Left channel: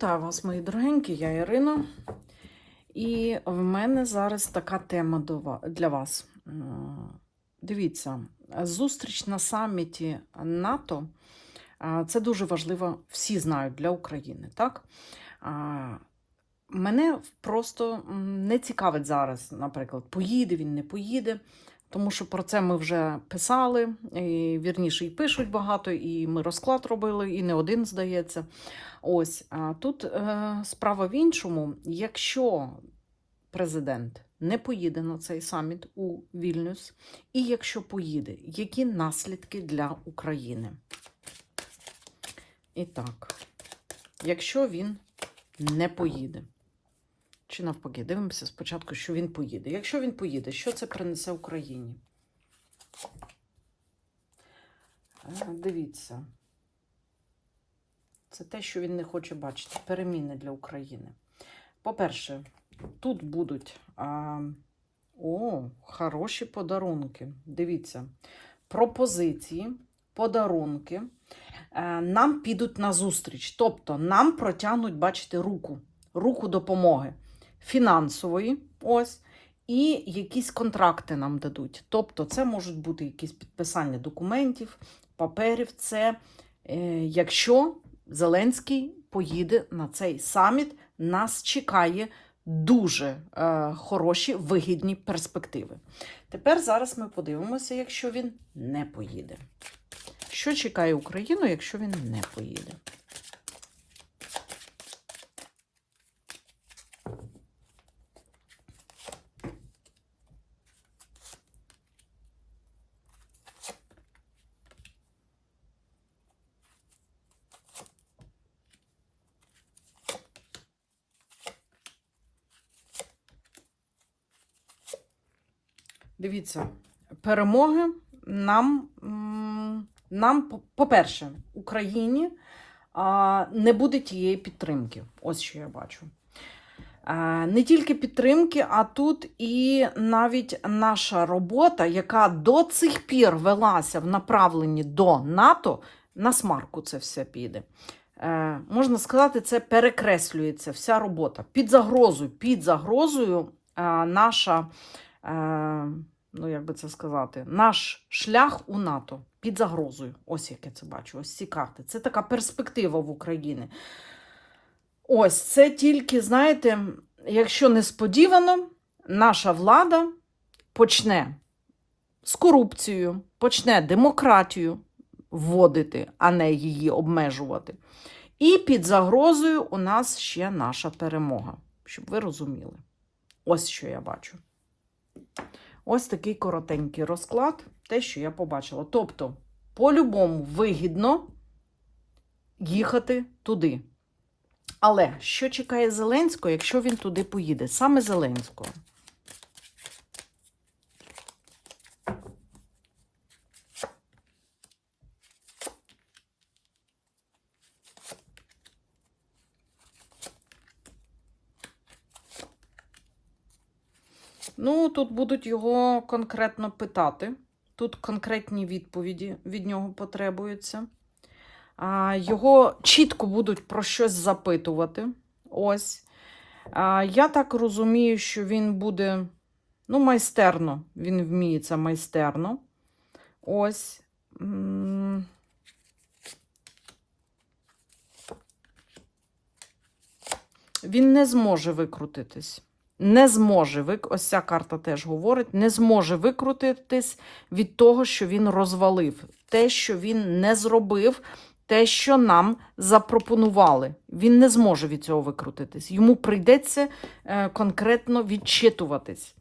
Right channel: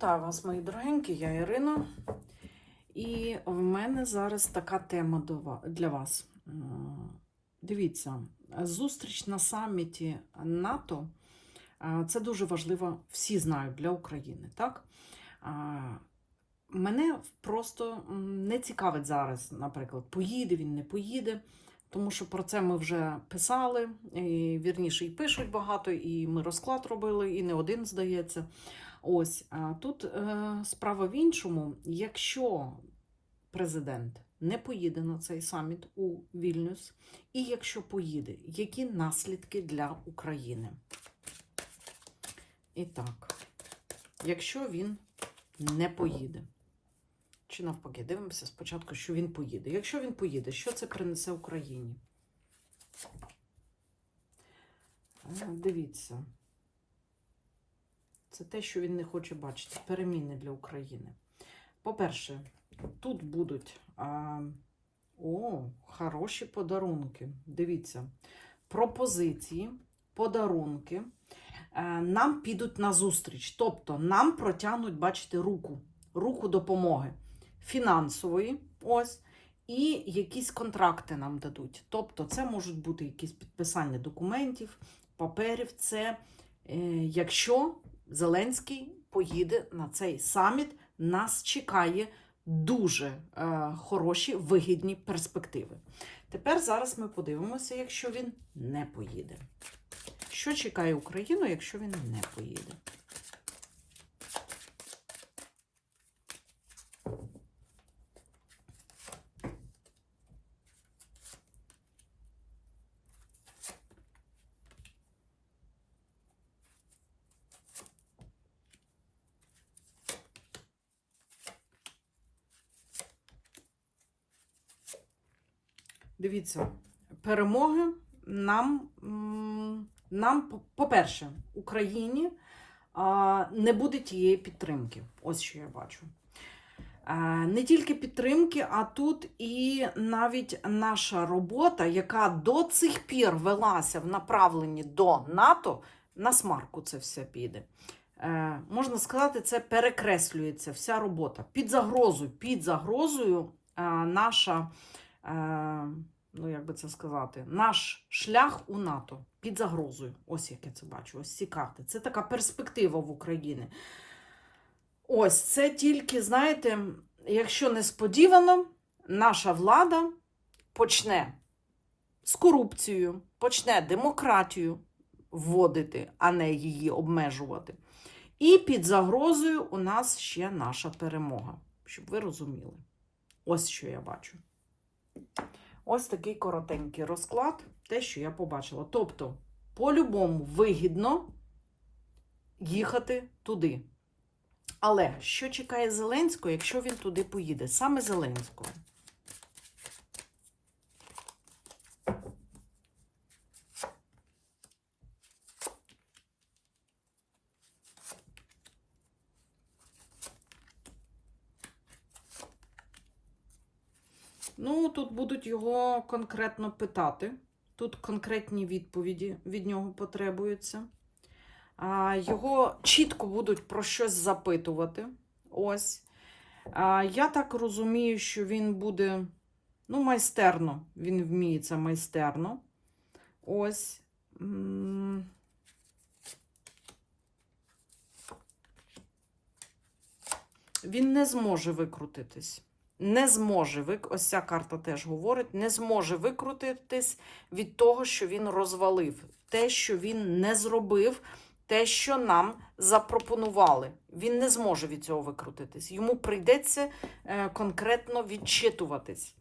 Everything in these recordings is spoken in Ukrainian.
Вітаю вас, мої дорогенькі, я Ірина. І в мене зараз така тема для вас. Дивіться, зустріч на саміті НАТО це дуже важливо, всі знають для України, так? Мене просто не цікавить зараз, наприклад, поїде він, не поїде. Тому що про це ми вже писали, і вірніше, і пишуть багато, і ми розклад робили, і не один, здається. Ось тут е, справа в іншому. Якщо президент не поїде на цей саміт у Вільнюс, і якщо поїде, які наслідки для України? І так, якщо він не поїде, чи навпаки, дивимося спочатку, що він поїде. Якщо він поїде, що це принесе Україні? Е, Дивіться. Це те, що він не хоче бачити. Переміни для України. По-перше, тут будуть а, о, хороші подарунки. Дивіться, пропозиції, подарунки е, нам підуть на зустріч. Тобто нам протягнуть, бачите, руку, руку допомоги фінансової. Ось. І якісь контракти нам дадуть. Тобто, це можуть бути якісь підписання документів, паперів. Це е, якщо Зеленський поїде на цей саміт, нас чекає дуже е, хороші вигідні перспективи. Тепер зараз ми подивимося, якщо він не поїде. Що чекає Україну, якщо він не поїде? Дивіться, перемоги нам, нам по- по-перше, Україні не буде тієї підтримки. Ось що я бачу. Не тільки підтримки, а тут і навіть наша робота, яка до цих пір велася в направленні до НАТО, на смарку це все піде. Е, можна сказати, це перекреслюється вся робота. Під загрозою, під загрозою е, наша е, ну як би це сказати, наш шлях у НАТО під загрозою. Ось як я це бачу, ось ці карти. Це така перспектива в Україні. Ось це тільки, знаєте, якщо несподівано, наша влада почне з корупцією, почне демократію вводити, а не її обмежувати. І під загрозою у нас ще наша перемога, щоб ви розуміли. Ось що я бачу. Ось такий коротенький розклад, те, що я побачила. Тобто, по-любому вигідно їхати туди. Але що чекає Зеленського, якщо він туди поїде? Саме Зеленського. Ну, тут будуть його конкретно питати. Тут конкретні відповіді від нього потребуються. Його чітко будуть про щось запитувати. Ось. Я так розумію, що він буде ну, майстерно. Він вміє це майстерно. Ось. Він не зможе викрутитись. Не зможе вик... ось ця карта теж говорить, не зможе викрутитись від того, що він розвалив, те, що він не зробив, те, що нам запропонували. Він не зможе від цього викрутитись. Йому прийдеться е, конкретно відчитуватись.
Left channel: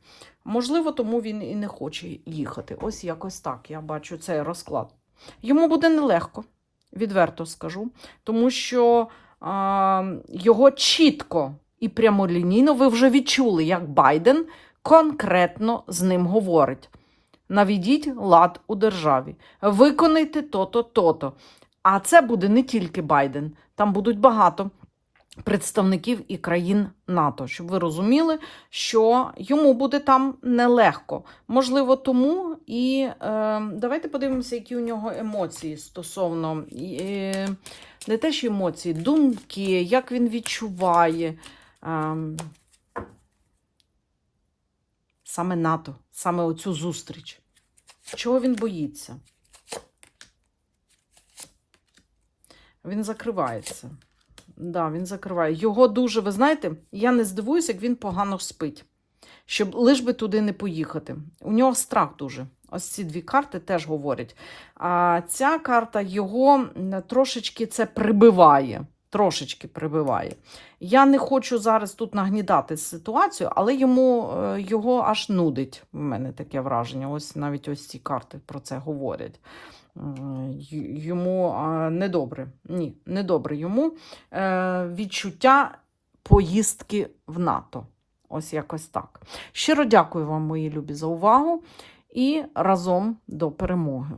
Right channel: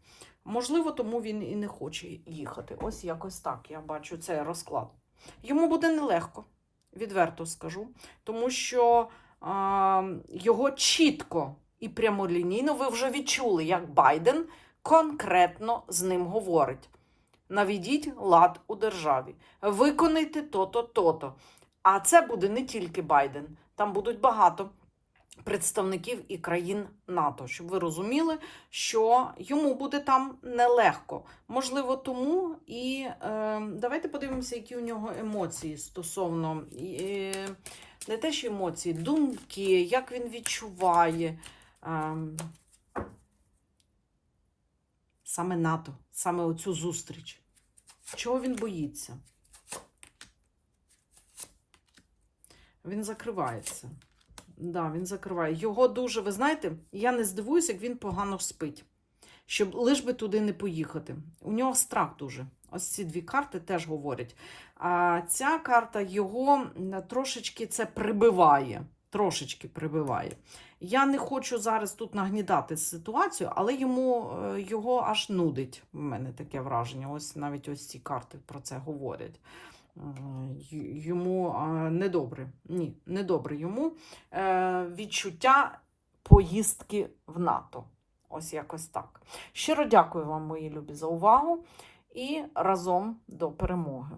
Можливо, тому він і не хоче їхати. Ось якось так. Я бачу цей розклад. Йому буде нелегко, відверто скажу, тому що е, його чітко і прямолінійно ви вже відчули, як Байден конкретно з ним говорить. Наведіть лад у державі, виконайте то-то, то-то. А це буде не тільки Байден, там будуть багато представників і країн НАТО, щоб ви розуміли, що йому буде там нелегко. Можливо, тому і е, давайте подивимося, які у нього емоції стосовно е, не те, що емоції, думки, як він відчуває. Е, саме НАТО, саме оцю зустріч. Чого він боїться? Він закривається. Да, він закриває. Його дуже, ви знаєте, я не здивуюся, як він погано спить. Щоб лиш би туди не поїхати. У нього страх дуже. Ось ці дві карти теж говорять. А ця карта його трошечки це прибиває. Трошечки прибиває. Я не хочу зараз тут нагнідати ситуацію, але йому е, його аж нудить. У мене таке враження. Ось навіть ось ці карти про це говорять. Йому недобре. Ні, недобре йому е, відчуття поїздки в НАТО. Ось якось так. Щиро дякую вам, мої любі, за увагу і разом до перемоги.